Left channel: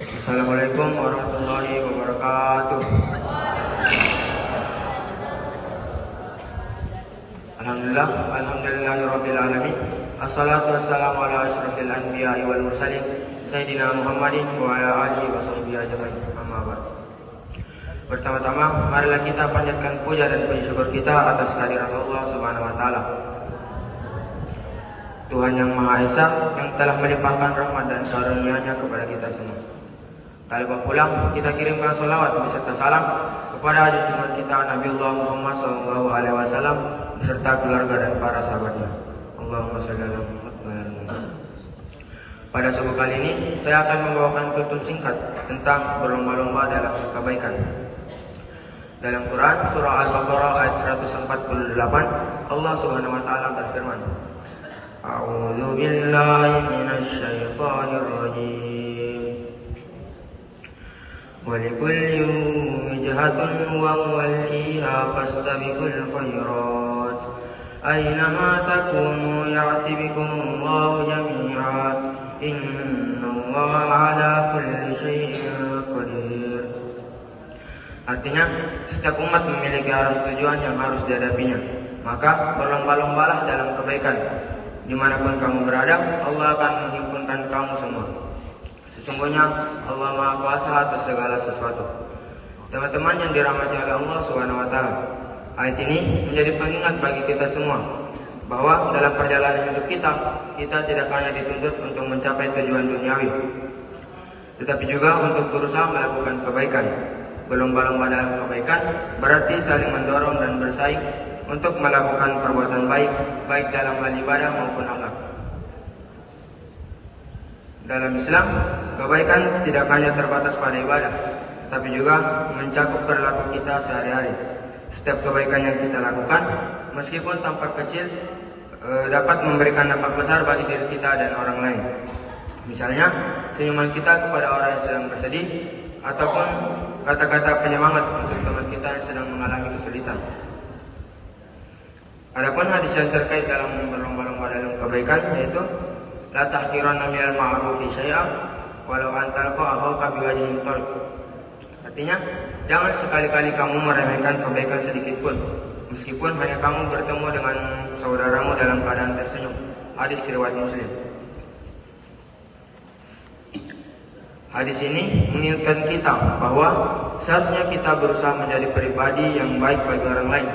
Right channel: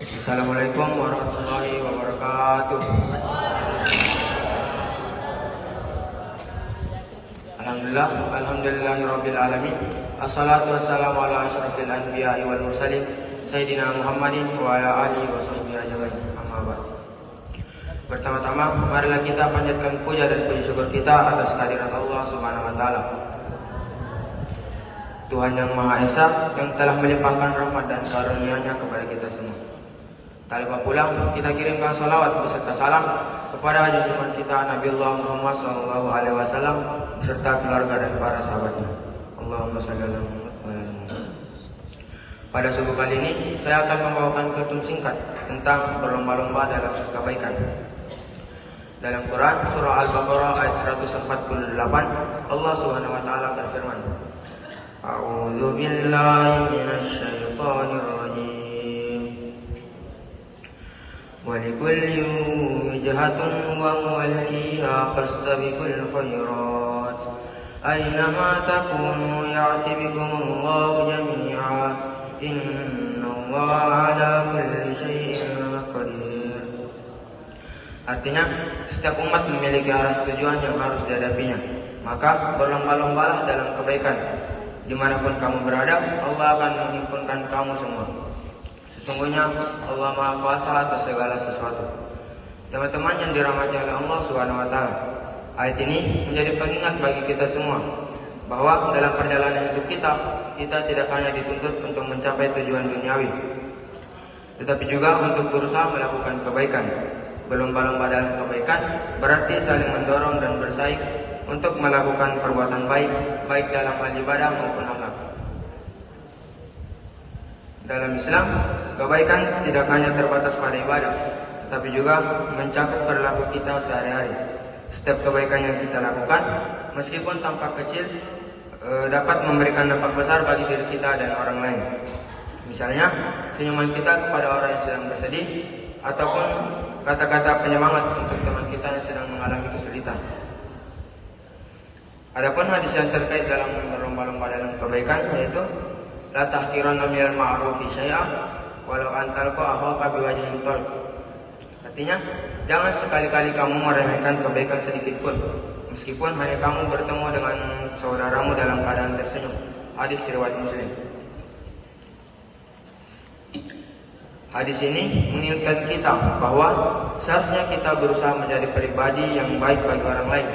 Assalamualaikum warahmatullahi wabarakatuh. Alhamdulillahirabbil alamin. Assalatu wassalamu ala asyrafil anbiya'i wal mursalin sayyidina Muhammadin wa ala alihi washabihi ajmain. Amma ba'd. Pertama-tama marilah kita panjatkan puja dan puji syukur kita atas kehadirat Allah Subhanahu wa taala. Tuhan yang Maha Esa yang telah melimpahkan rahmat dan karunia-Nya kepada kita semua. Tak lupa pula kita kirimkan salawat beserta salam kepada junjungan kita Nabiullah Muhammad SAW beserta keluarga dan para sahabatnya. Allahumma shalli ala Muhammad. Pada subuh kali ini saya akan membawakan kutub singkat tentang berlomba-lomba dalam kebaikan. Dalam Quran surah Al-Baqarah ayat 148 Allah Subhanahu wa taala berfirman, A'udzu billahi minasy syaithanir rajim. Walikulli wijhatun wa waliha fastabiqul khairat. Aynama takunu ya'ti bikumullahu jami'a. Innallaha 'ala kulli syai'in qadir. Artinya, setiap umat memiliki arah tujuan yang harus dihadapinya. Maka berlomba-lombalah dalam kebaikan. Dimanapun kamu berada, Allah akan menghimpunkan kamu semua. Sesungguhnya Allah Maha Kuasa atas segala sesuatu. Teman-teman yang dirahmati oleh Allah Subhanahu wa taala, ayat ini menjadi pengingat bagi kita semua bahwa dalam perjalanan hidup kita tidak hanya dituntut untuk mencapai tujuan duniawi, tetapi juga untuk berusaha melakukan kebaikan. Berlomba-lomba dalam kebaikan berarti saling mendorong dan bersaing untuk melakukan perbuatan baik, baik dalam hal ibadah maupun akhlak. Dalam Islam, kebaikan tidak hanya terbatas pada ibadah, tapi juga mencakup perilaku kita sehari-hari. Setiap kebaikan yang kita lakukan, meskipun tampak kecil, dapat memberikan dampak besar bagi diri kita dan orang lain. Misalnya, senyuman kita kepada orang yang sedang bersedih, ataupun kata-kata penyemangat untuk teman kita yang sedang mengalami kesulitan. Adapun hadis yang terkait dalam berlomba-lomba dalam kebaikan yaitu la tahqiranna minal ma'rufi syai'a walau an talqa akhaka biwajhin talq. Artinya, jangan sekali-kali kamu meremehkan kebaikan sedikit pun, meskipun hanya kamu bertemu dengan saudaramu dalam keadaan tersenyum. Hadis riwayat Muslim. Hadis ini mengingatkan kita bahwa seharusnya kita berusaha menjadi pribadi yang baik bagi orang lain.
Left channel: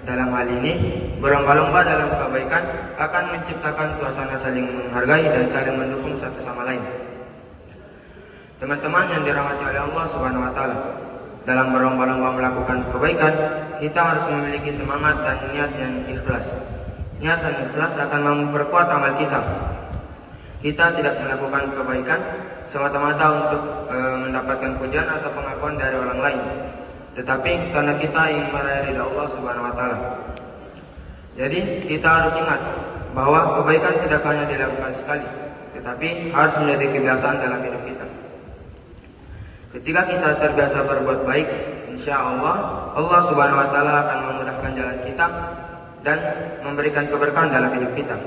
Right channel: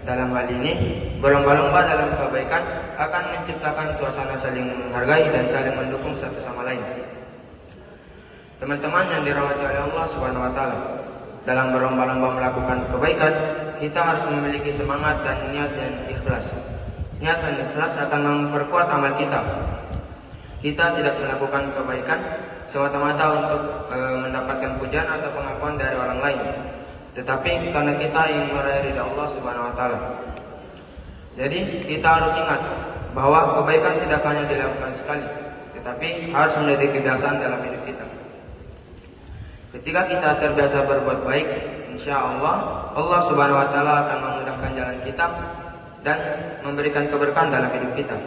Dalam hal ini, berlomba-lomba dalam kebaikan akan menciptakan suasana saling menghargai dan saling mendukung satu sama lain. Teman-teman yang dirahmati oleh Allah Subhanahu wa taala, dalam berlomba-lomba melakukan kebaikan, kita harus memiliki semangat dan niat yang ikhlas. Niat dan ikhlas akan memperkuat amal kita. Kita tidak melakukan kebaikan semata-mata untuk mendapatkan pujian atau pengakuan dari orang lain, tetapi karena kita ingin meraih ridha Allah Subhanahu wa taala. Jadi kita harus ingat bahwa kebaikan tidak hanya dilakukan sekali, tetapi harus menjadi kebiasaan dalam hidup kita. Ketika kita terbiasa berbuat baik, insya Allah Subhanahu wa taala akan memudahkan jalan kita dan memberikan keberkahan dalam hidup kita.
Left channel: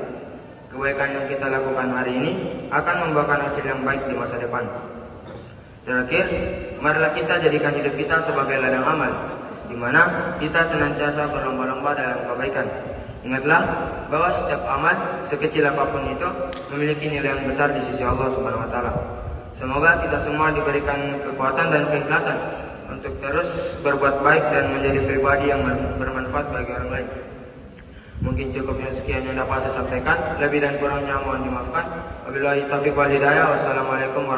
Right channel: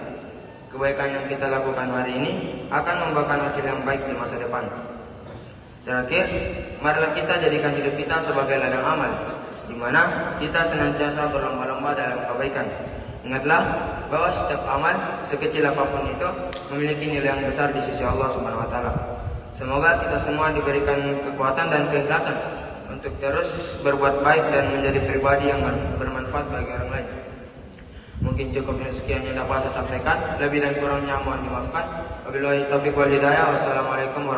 Kebaikan yang kita lakukan hari ini akan membuahkan hasil yang baik di masa depan. Terakhir, marilah kita jadikan hidup kita sebagai ladang amal, di mana kita senantiasa berlomba-lomba dalam kebaikan. Ingatlah bahwa setiap amal, sekecil apapun itu, memiliki nilai yang besar di sisi Allah Subhanahu wa taala. Semoga kita semua diberikan kekuatan dan keikhlasan untuk terus berbuat baik dan menjadi pribadi yang bermanfaat bagi orang lain. Mungkin cukup sekian yang dapat saya sampaikan. Lebih dan kurangnya mohon dimaafkan. Wabillahi taufiq wal hidayah. Wassalamualaikum